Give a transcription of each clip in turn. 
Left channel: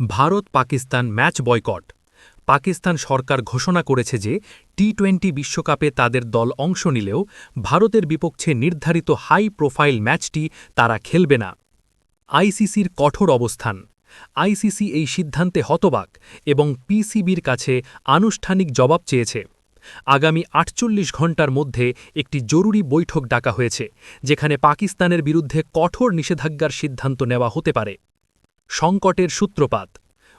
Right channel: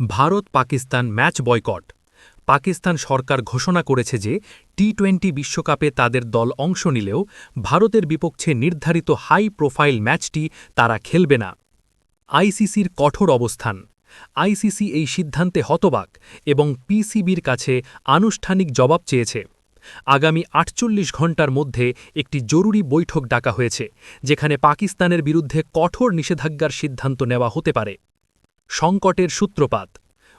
Bharat Pakistan match boycott. Pakistan সরকার ঘোষণা করেছে যে টি-20 বিশ্বকাপে তাদের দল অংশ নিলেও ভারতের বিপক্ষে নির্ধারিত হাই প্রোফাইল ম্যাচটি তারা খেলবে না। আইসিসির কঠোর অবস্থান। আইসিসি এই সিদ্ধান্তে হতবাক এবং পিসিবির কাছে আনুষ্ঠানিক জবাব চেয়েছে। আগামী ৪৮ ঘণ্টার মধ্যে একটি জরুরি বৈঠক ডাকা হয়েছে, যেখানে পাকিস্তানের বিরুদ্ধে কঠোর নিষেধাজ্ঞার সিদ্ধান্ত নেওয়া হতে পারে। সংকটের সূত্রপাত।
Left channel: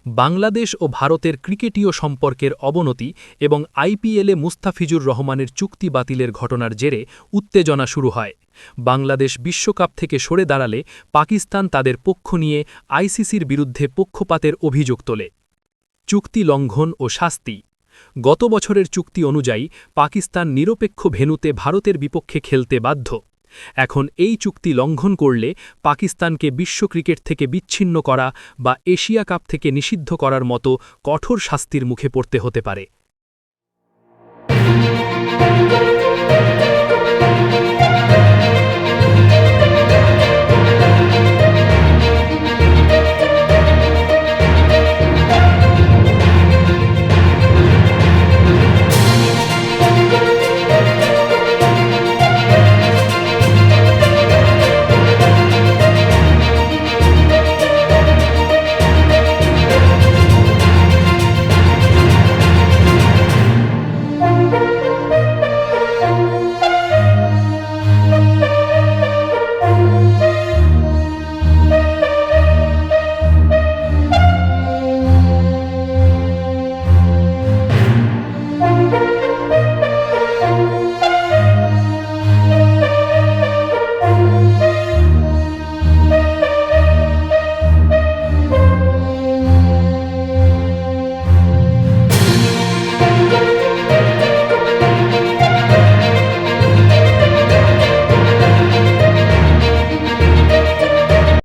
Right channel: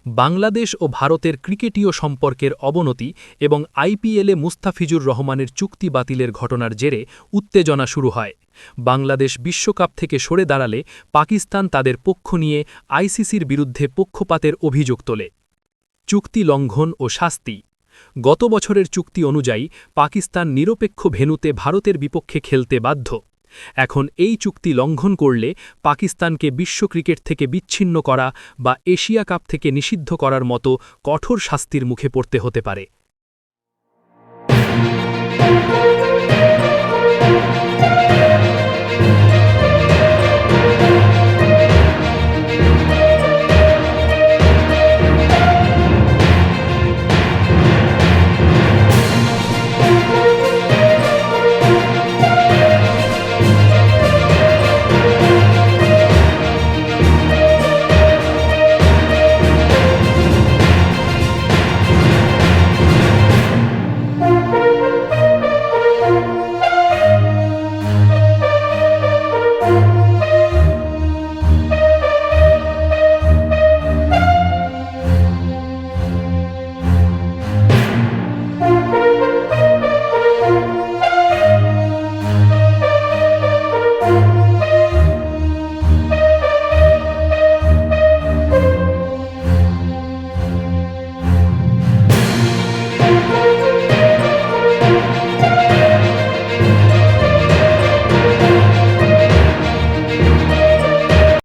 বাংলাদেশ ও ভারতের ক্রিকেটীয় সম্পর্কের অবনতি এবং আইপিএলে মুস্তাফিজুর রহমানের চুক্তি বাতিলের ঘটনার জেরে উত্তেজনা শুরু হয়। বাংলাদেশ বিশ্বকাপ থেকে সরে দাঁড়ালে পাকিস্তান তাদের পক্ষ নিয়ে আইসিসির বিরুদ্ধে পক্ষপাতের অভিযোগ তোলে। চুক্তি লঙ্ঘন ও শাস্তি। গত বছরের চুক্তি অনুযায়ী পাকিস্তান নিরপেক্ষ ভেন্যুতে ভারতের বিপক্ষে খেলতে বাধ্য। এখন এই চুক্তি লঙ্ঘন করলে পাকিস্তানকে বিশ্ব ক্রিকেট থেকে বিচ্ছিন্ন করা বা এশিয়া কাপ থেকে নিষিদ্ধ করার মতো কঠোর শাস্তির মুখে পড়তে হতে পারে।